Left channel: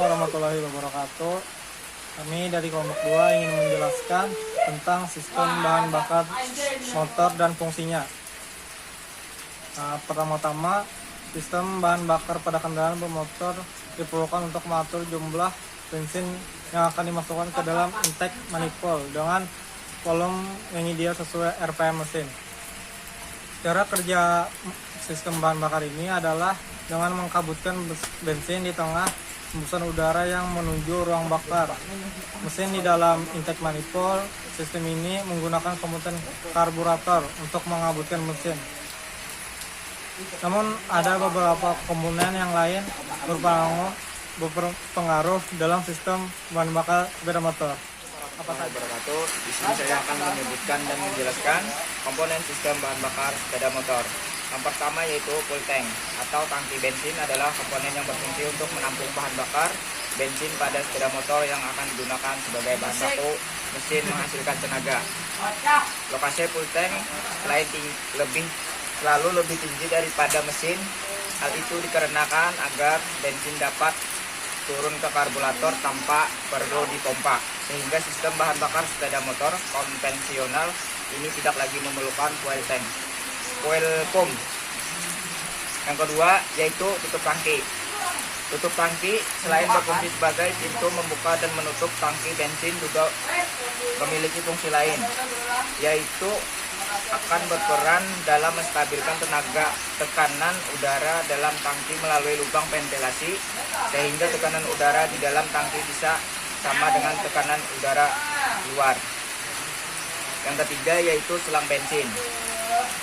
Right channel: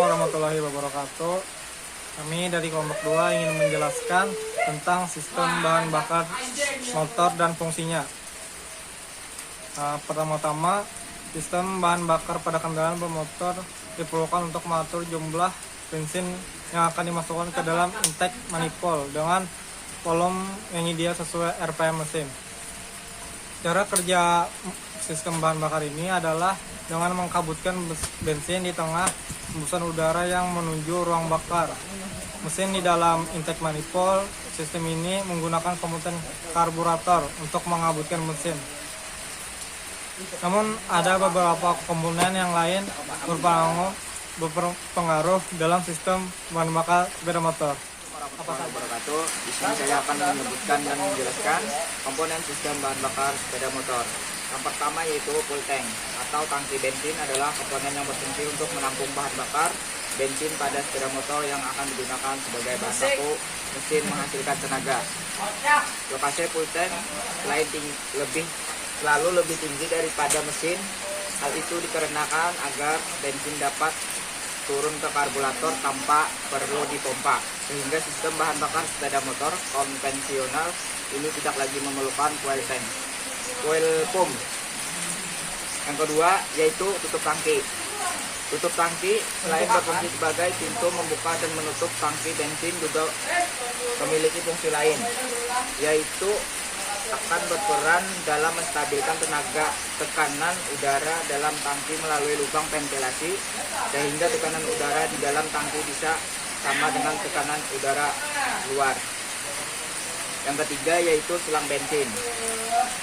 warahmatullahi wabarakatuh. Kami dari kelompok 2 ingin menjelaskan tentang sistem bahan bakar motor dan fungsinya. Pertama-tama, sistem bahan bakar pada kendaraan bermotor diperlukan untuk mengatur jumlah bensin yang akan dimasukkan ke dalam intake manifold dengan volume yang ideal sesuai RPM mesin. Cara kerja sistem bahan bakar ini adalah dengan mengkabutkan bensin di tengah hembusan udara yang menuju ruang bakar mesin di dalam intake manifold. Sistem ini menggunakan komponen karburator untuk mengabutkan mesin. Namun ada beberapa komponen yang lain berpengaruh dalam sistem bahan bakar sepeda motor. Wabarakatuh. Di sini saya akan menyebutkan dan menjelaskan komponen sistem bahan bakar sepeda motor. Yang pertama yaitu full tank atau tangki bensin adalah komponen yang berfungsi untuk menampung bahan bakar bensin pada sepeda motor yang akan digunakan sebagai bahan baku mesin menghasilkan tenaga. Lokasi full tank selalu lebih tinggi daripada mesin. Hal itu dikarenakan agar bensin dapat turun ke karburator tanpa perlu dipompa, sehingga sistem bahan bakar sepeda motor konvensional ini tidak lagi memerlukan fuel pump. Yang kedua yaitu tutup tangki. Tutup tangki selain berfungsi sebagai pintu membuka dan menutup tangki bensin juga memiliki fungsi lain, yaitu akan berperan dalam menstabilkan tekanan udara dalam tangki melalui lubang ventilasi, sehingga tekanan udara di dalam tangki bisa sama dengan tekanan udara luar. Yang ketiga yaitu selang bensin.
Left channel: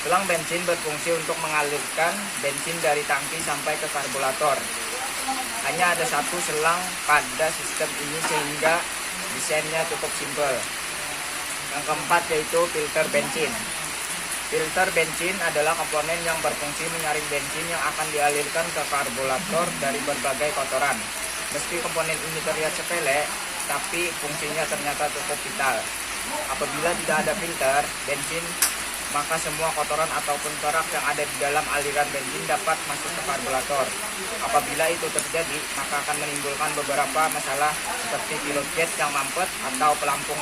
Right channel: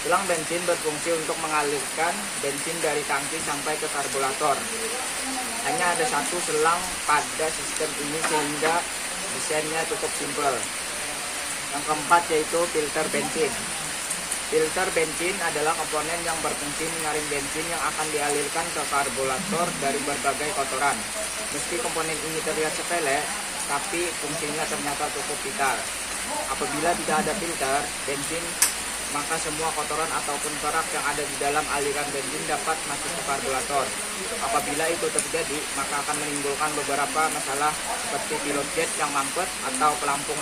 Selang bensin berfungsi untuk mengalirkan bensin dari tangki sampai ke karburator. Hanya ada satu selang pada sistem ini sehingga desainnya cukup simpel. Yang keempat yaitu filter bensin. Filter bensin adalah komponen yang berfungsi menyaring bensin yang akan dialirkan ke karburator dari berbagai kotoran. Meski komponen ini terlihat sepele, tapi fungsinya ternyata cukup vital. Apabila tidak ada filter bensin, maka semua kotoran ataupun kerak yang ada di dalam aliran bensin dapat masuk ke karburator. Apabila itu terjadi, maka akan menimbulkan beberapa masalah seperti pilot jet yang mampet atau pelampung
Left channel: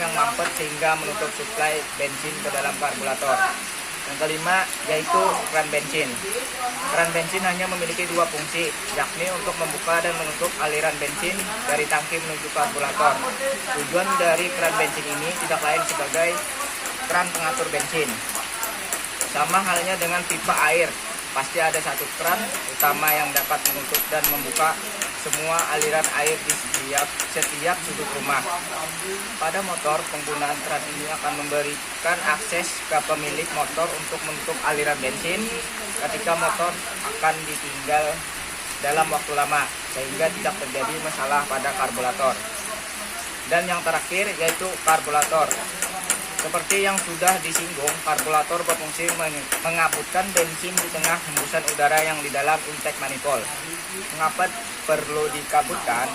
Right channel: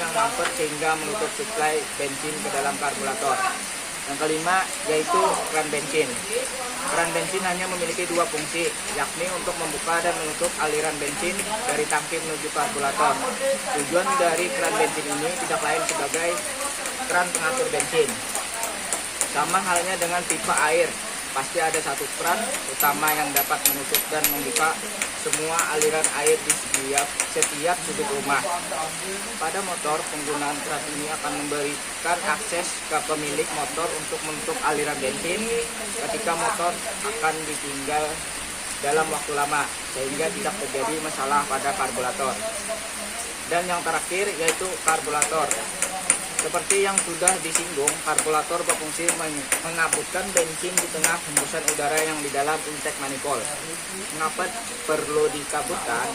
yang mampet sehingga menutup suplai bensin ke dalam karburator. Yang kelima yaitu keran bensin. Keran bensin hanya memiliki dua fungsi, yakni untuk membuka dan menutup aliran bensin dari tangki menuju karburator. Tujuan dari keran bensin ini tidak lain sebagai keran pengatur bensin. Sama halnya dengan pipa air, pasti ada satu keran utama yang dapat menutup dan membuka semua aliran air di setiap sudut rumah. Pada motor, penggunaan keran ini akan memberikan akses ke pemilik motor untuk menutup aliran bensin ketika motor akan ditinggal dalam waktu lama, sehingga tidak terjadi masalah pada karburator. Dan yang terakhir yaitu karburator. Seperti yang sudah disinggung, karburator berfungsi mengabutkan bensin di tengah hembusan udara yang di dalam intake manifold. Mengapa perlu dikabutkan?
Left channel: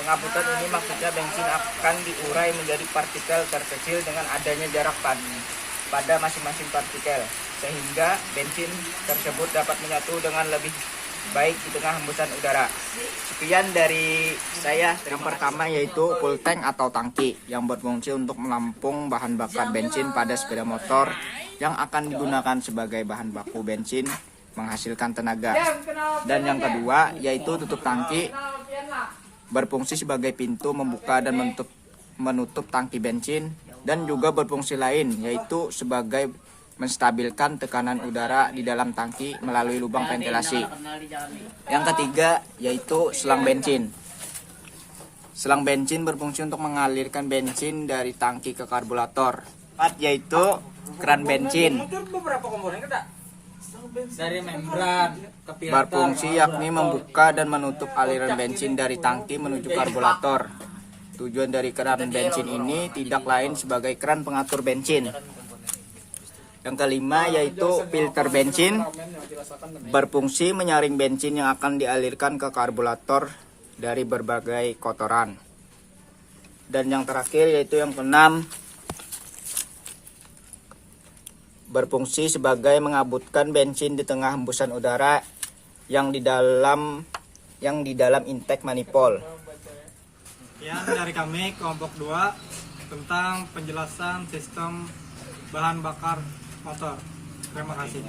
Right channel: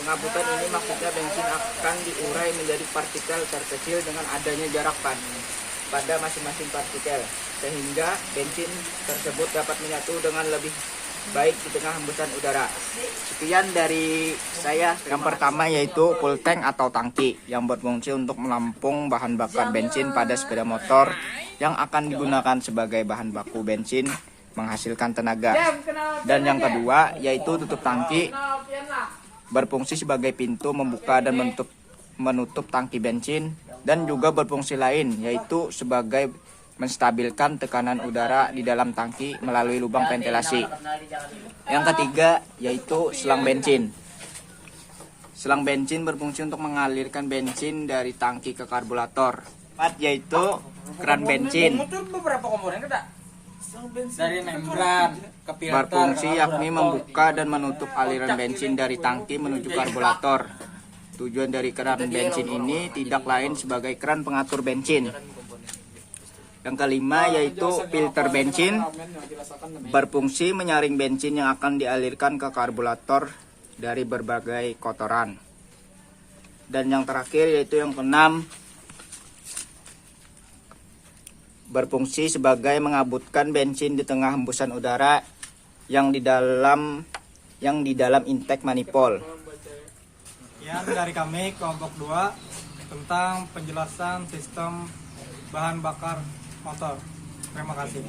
Pengabutan ini maksudnya bensin akan diurai menjadi partikel terkecil dengan adanya jarak pada masing-masing partikel, sehingga bensin tersebut dapat menyatu dengan lebih baik di tengah hembusan udara. Sekian dari saya. Yang pertama yaitu full tank atau tangki yang berfungsi untuk menampung bahan bakar bensin pada sepeda motor yang akan digunakan sebagai bahan baku bensin menghasilkan tenaga. Dan yang kedua yaitu tutup tangki, berfungsi sebagai pintu membuka dan menutup tangki bensin, dan juga berfungsi lain yaitu sebagai menstabilkan tekanan udara di dalam tangki melalui lubang ventilasi. Yang ketiga yaitu selang bensin. Selang bensin berfungsi untuk mengalirkan bensin dari tangki ke karburator. Empat yaitu keran bensin. Dari membran ke filter, Berfungsi yakni membuka dan menutup aliran bensin dari tangki menuju karburator. Tujuan dari keran bensin ini tidak lain sebagai keran pengatur bensin. Yang kelima yaitu filter bensin, berfungsi menyaring bensin yang akan dialirkan ke karburator dari berbagai kotoran. Dan yang terakhir yaitu yang keenam, berfungsi sebagai mengabutkan bensin di tengah hembusan udara yang di dalam yang di dalam intake manifold. Sekian dari kami kelompok 2 tentang penjelasan sistem bahan bakar motor. Terima kasih.